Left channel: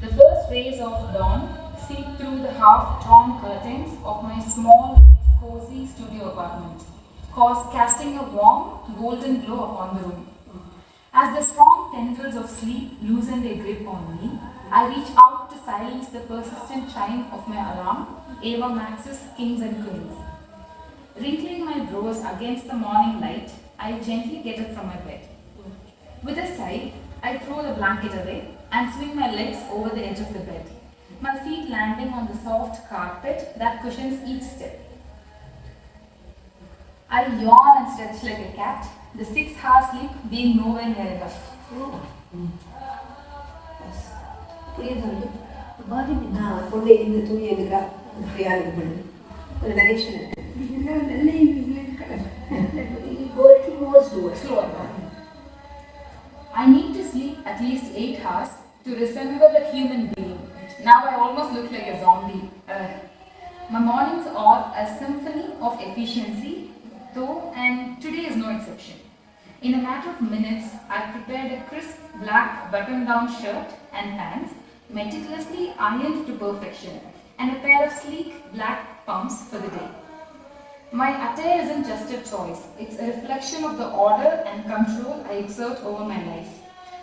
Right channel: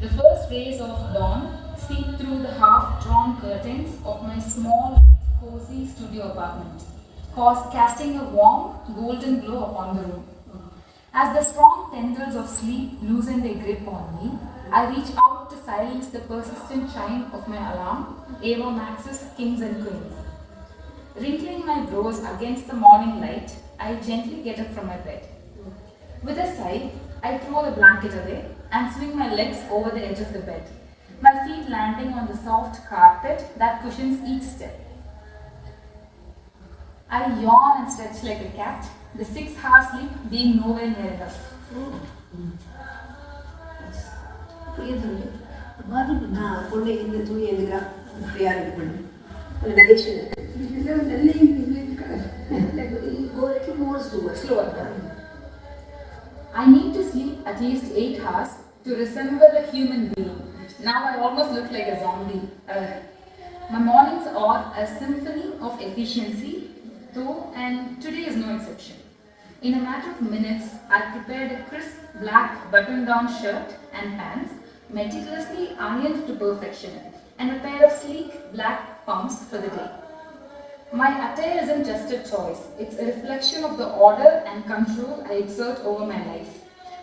The first rays of dawn seep through the half-drawn curtains of my small, cozy studio apartment, casting a warm, golden glow upon the room. As the strong tendrils of sleep loosen their grip on me, I reach out to silence the persistent chime of my alarm, Ava Max's Kings and Queens. Wrinkling my brows against the morning light, I gently get up from my bed. With a sigh, I throw the blanket away and swing my legs over the edge of the bed, my feet landing on the soft carpet that cushions each step. I yawn and stretch like a cat, the 6-hour sleep being nowhere near enough. நான் கொண்டு இந்த துணி எடுக்கிறா ஃப்ரீயாக இது பண்ணு ஒரு நகைச்சுவை I need to sleep at least 8 hours to resemble a human being. Now I almost look like a zombie. My mornings are a symphony of efficiency, though, and today is no exception. In a matter of minutes, I prepared a crisp black button-down shirt and pants, meticulously ironed to perfection, and a pair of sleek black pumps for the day. My attire isn't just a choice, it's a reflection of the order and control I exert over my life,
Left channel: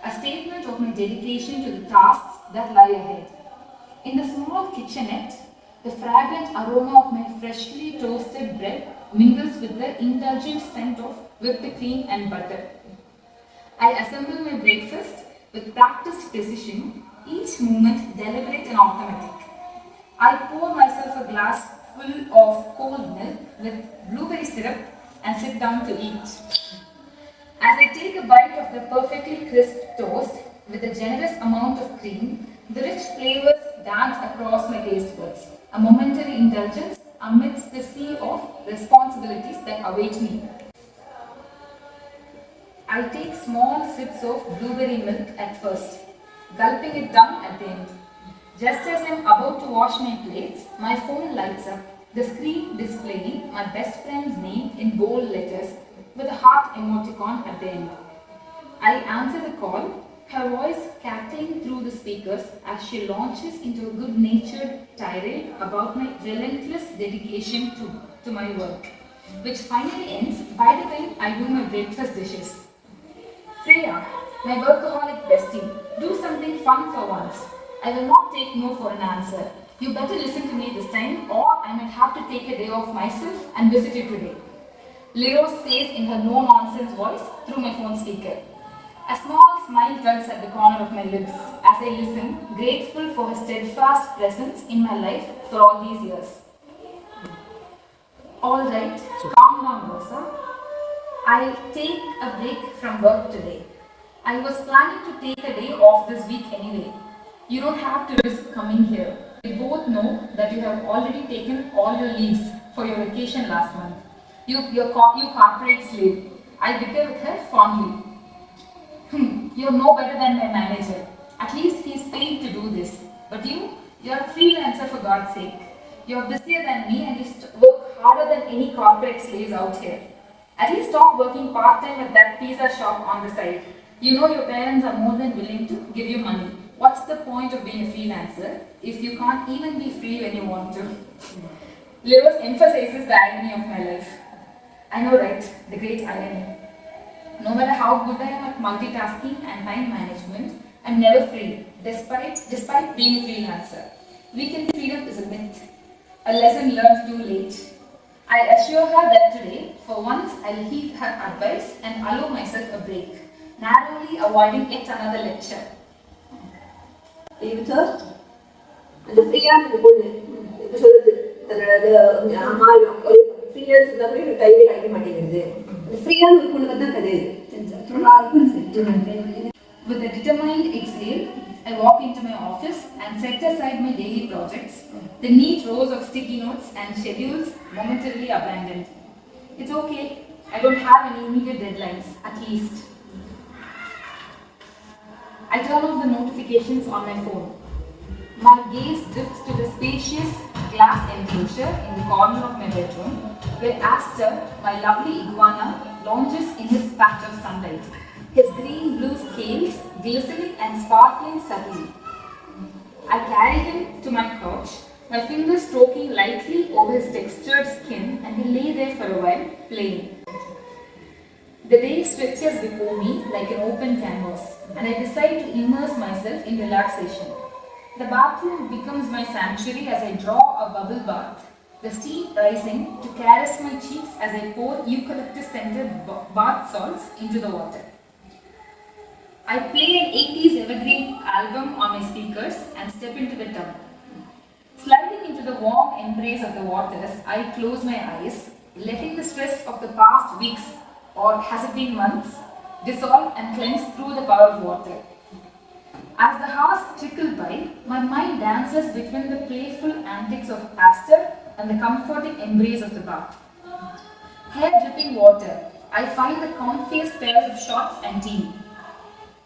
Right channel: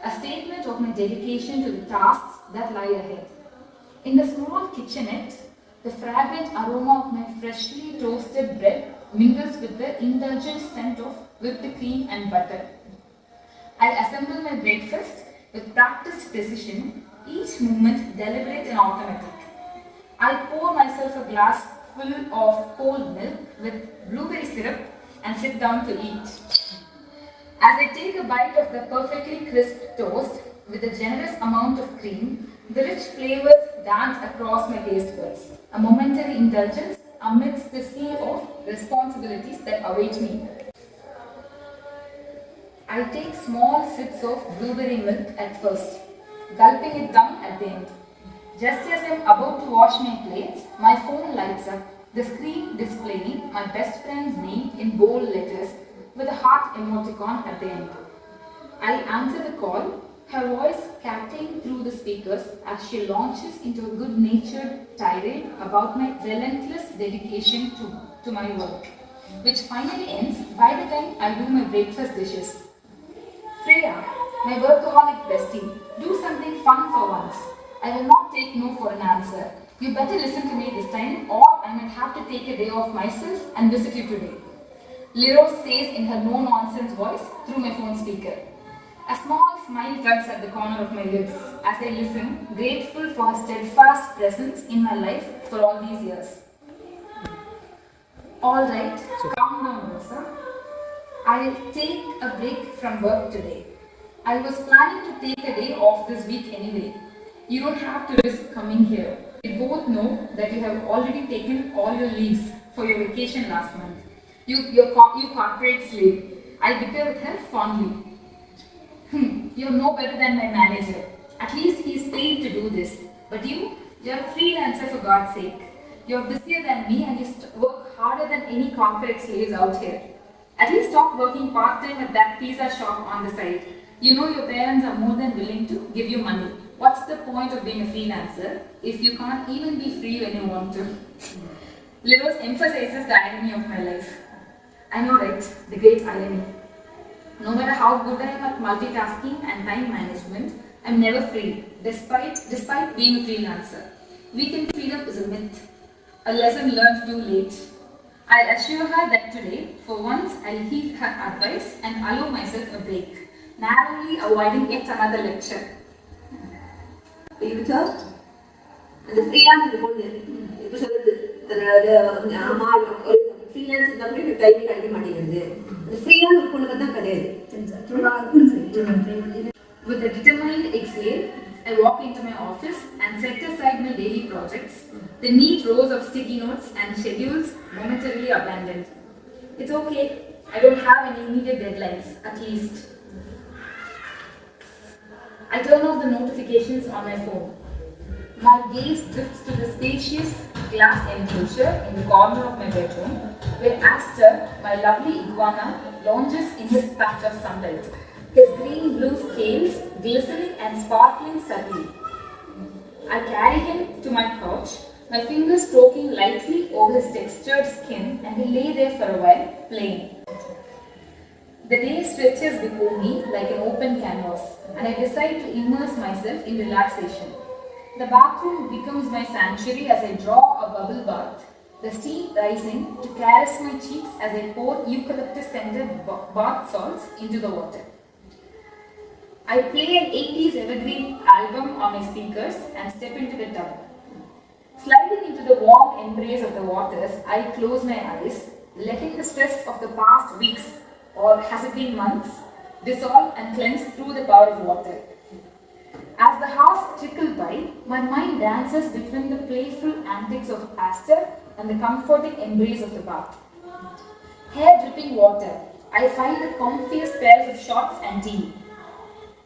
a statement of my dedication to the tasks that lie ahead. In the small kitchenette, the fragrant aroma of my freshly toasted bread mingles with the indulgent scent of whipped cream and butter. I assemble my breakfast with practiced precision, each movement deliberate and automatic. I pour myself a glass full of cold milk with blueberry syrup and sit down to eat. As I take a bite of the perfectly crisp toast with a generous amount of cream, the rich flavors dance across my taste buds, a momentary indulgence amidst the sea of responsibilities that await me. I take small sips of blueberry milk at first, gulping it down at the end. Just as I am about to wash my plates, my phone lights up, the screen displaying my best friend's name in bold letters with a heart emoticon at the end. I answer the call, her voice cackling through the speakers as she launches into a good-natured tirade about my relentless dedication to my work, which finally ends by the time I do my breakfast dishes. Freya, my workaholic bestie, do something fun for once. I will not take no for an answer. You better listen to me this time or I might have to take a day off myself and visit you today. Liro says in her no-nonsense voice through my phone speaker. A small smile tugs at the corner of my lips as I listen, grateful for her steadfast presence in my life for all these years. Alright, calm down, Rosa. I'll take a break from work today. I was planning to take a day off this week anyway. You don't have to risk coming here. We both know that you have already taken all your leaves for your vacation last month. You corporate slave. I bicker with her fondly. You're no better than my manager. At least he's paid to do this. But you're a freelancer for God's sake. You're busier than me and you work harder than any corporate slaves out here. At least stop working part-time at that pizza shop on the side. You know your parents are more than willing to give you money. What's the point of being a freelancer if you can't even be free when you want to? Lewis emphasizes the irony of my life. I know, right? The great irony. No matter how good I am at multitasking and time management, I'm never free, despite being a freelancer. Weekend freedom is a myth, a lesson learned too late. I assure her that today, for once, I'll heed her advice and allow myself a break, narrowly avoiding yet another lecture. இந்த ஃப்ரீயான இந்த பொண்ணு இப்போ சொல்லுது தன்னோட அம்மா ஒரு freelance இருந்தால் கூட எனக்கு டைமே கிடைக்க மாட்டேங்குது. அந்த ஃப்ரீயான ஒரு பொண்ணு தான் கிடையாது. With a determined exhale, I walk into my office and set aside my daily projects, the neat rows of sticky notes and schedules momentarily abandoned. It's okay, I don't have any immediate deadlines, at least. I turn off the notifications on my phone. My gaze drifts to the spacious glass enclosure in the corner of my bedroom, where Aster, my lovely iguana, launches in his patch of sunlight, his green-blue scales glistening and sparkling subtly. I carry him to my couch, my fingers stroking lightly over his textured skin, and he lay there for a while, playing. The day stretches before me like an open canvas, and I decide to immerse myself in relaxation. The bathroom becomes my sanctuary as I draw a bubble bath, the steam rising to caress my cheeks as I pour eucalyptus-scented bath salts into the water. I play an 80s evergreen album on my speakers and step into the tub. Sliding into the warm embrace of the waters, I close my eyes, letting the stress of the past weeks, or has it been months, dissolve and cleanse through the power of water. As the hours trickle by, my mind dances between the playful antics of Aster and the comforting embrace of the bath. Hair dripping water, I find the comfiest pairs of shorts and tea.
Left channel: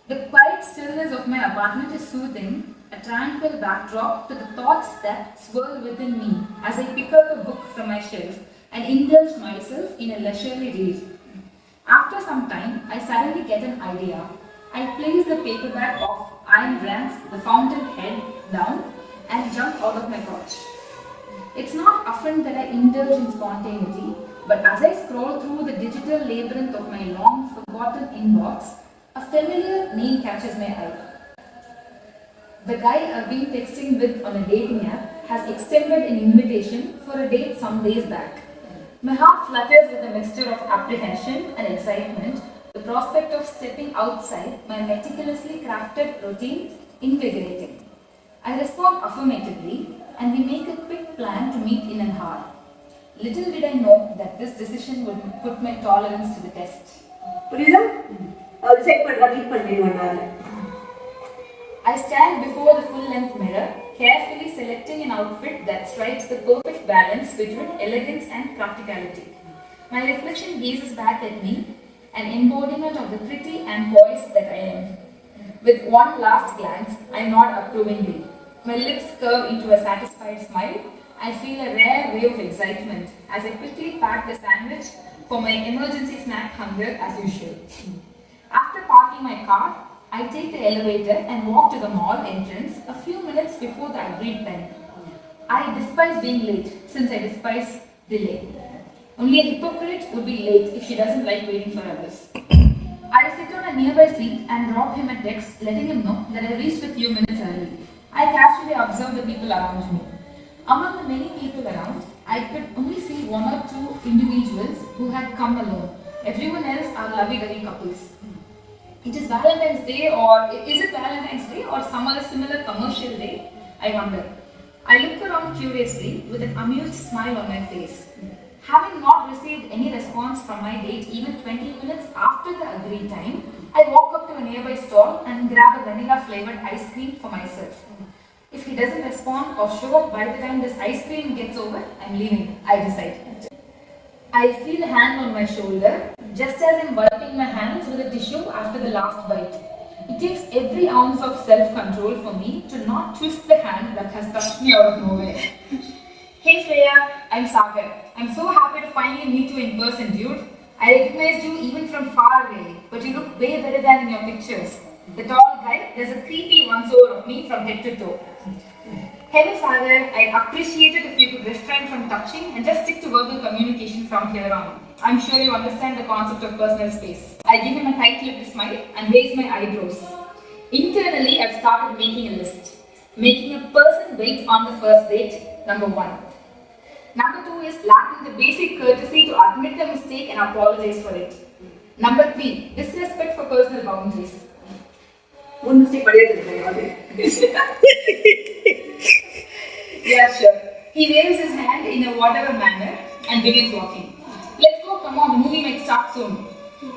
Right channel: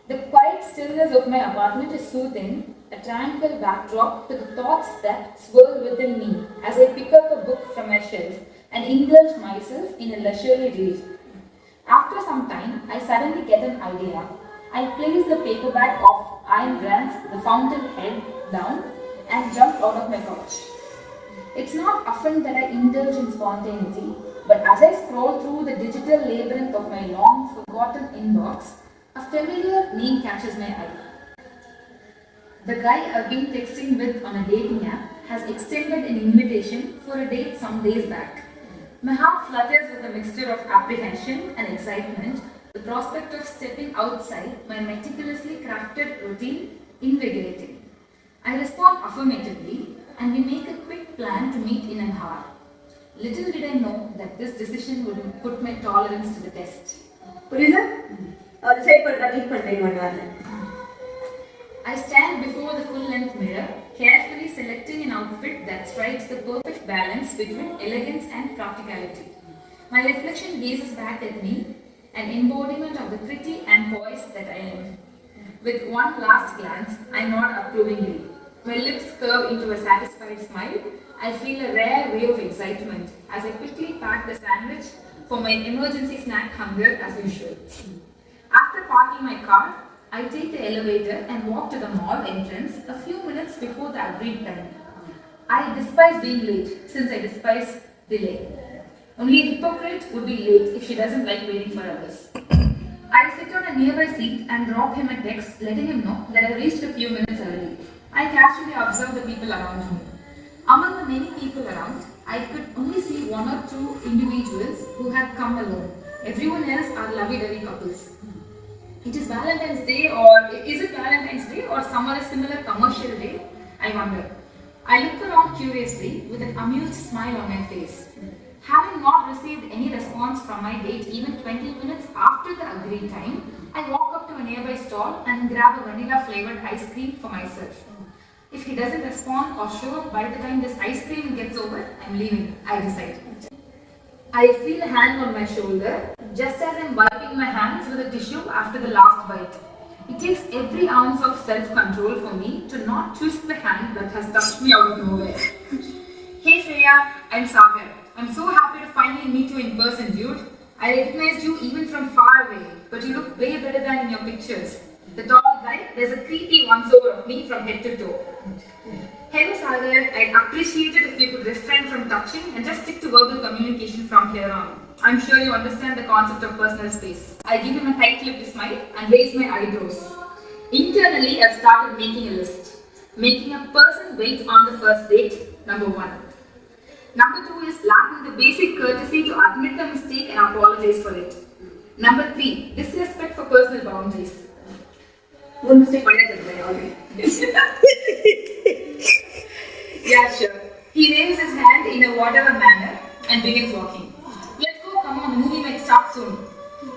The quiet stillness of my apartment is soothing, a tranquil backdrop to the thoughts that swirl within me as I pick up a book from my shelf and indulge myself in a leisurely read. After some time, I suddenly get an idea. I place the paperback of Ayn Rand's The Fountainhead down and jump out of my couch. It's not often that I indulge in spontaneity, but as I scroll through the digital labyrinth of my long forgotten inbox, a familiar name catches my eye. The guy I've been texting with on a dating app has extended an invitation for a date some days back. My heart flutters with a mixture of apprehension and excitement. The prospect of stepping outside my meticulously crafted routine invigorating. I respond affirmatively and we make a quick plan to meet in an hour. Little did I know that this decision would put my tolerance to the test. புரியுதா? Decide பண்றேன் 1 hour. I stand before the full-length mirror, carefully selecting an outfit that strikes the perfect balance between elegance and practicality. My reflection gazes back at me, an embodiment of the pretty and poised that I am. With one last glance, I nod approvingly. My lips curve into a satisfied smile. I feel a rare wave of excitement as I quickly pack the sandwich for my emergency snack hunger as usual. After parking my car, I take the elevator and walk to the mall entrance a few minutes before the agreed time. I despise being late since I despise delay. Only a hypocrite would be late if she doesn't like waiting for others. I sit on a nearby seat and drop him a text letting him know that I reached a few minutes early. I casually observe the people around me. Among the many people around, I could only see 1 or 2 individuals who had come alone. Everyone else are lovey-dovey couples. It is Valentine's Day, or is it Valentine's Day or some other similar commercial day? I wonder. I look around curiously with an amused smile on my face. Having not received any response from my date even 20 minutes after the agreed time, I walk up to a nearby stall and grab a vanilla flavored ice cream for myself. If he doesn't respond or show up by the time this ice cream gets over, I'm leaving, I decide. I feel a hand on my shoulder, just as I'm wiping my hands with a tissue after the last bite. It takes every ounce of self-control for me to not twist the hand that has touched me out of nowhere. Hey Freya, I'm Sagar. I'm so happy to finally meet you in person, dude. I recognized you even from far away, but you look way better than in your pictures. The tall guy, there's a creepy once-over of me from head to toe. Hello Sagar, I'd appreciate it if you could refrain from touching and just stick to verbal communication from here on. I'm sure you understand the concept of personal space. I give him a tight-lipped smile and raise my eyebrows. Internally, I've started making a list. Making a person wait on the first date, number 1. Number 2 is lacking the basic courtesy to admit the mistake and apologize for it. Number 3, disrespect for personal boundaries. One mistake Yeah, sure. He waves his hand in a whatever manner and begins walking. Let's go, come on, the movie might start soon.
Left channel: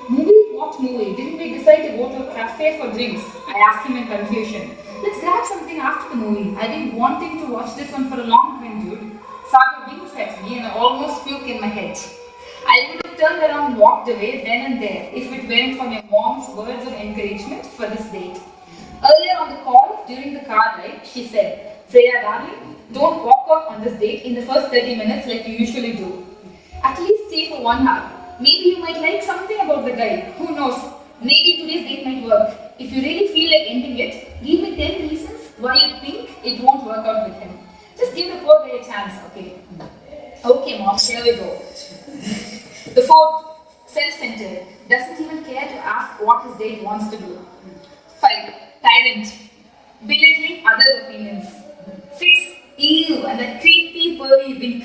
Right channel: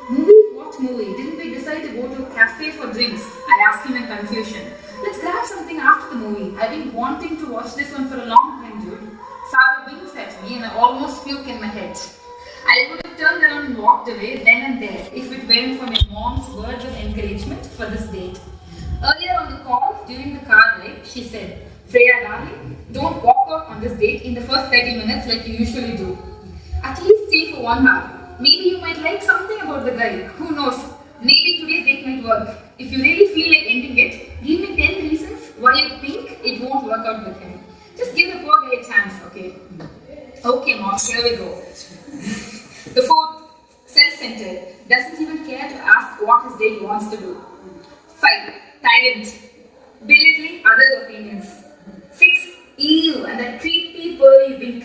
Movie? What movie? Didn't we decide to go to a cafe for drinks? I asked him in confusion. Let's grab something after the movie. I've been wanting to watch this one for a long time, dude. Saga winks at me and I almost puke in my head. I could have turned around and walked away then and there if it weren't for my mom's words of encouragement for this date. Earlier on the call, during the car ride, she said, Freya darling, don't walk out on this date in the first 30 minutes like you usually do. At least stay for 1 hour. Maybe you might like something about the guy. Who knows? Maybe today's date might work. If you really feel like ending it, give me 10 reasons why you think it work out with him. Just give the poor guy a chance, okay? Okay, mom, here we go. The fourth, self-centered, doesn't even care to ask what his date wants to do. 5, tyrant, belittling others' opinions. 6, ew, and that creepy pearly wink.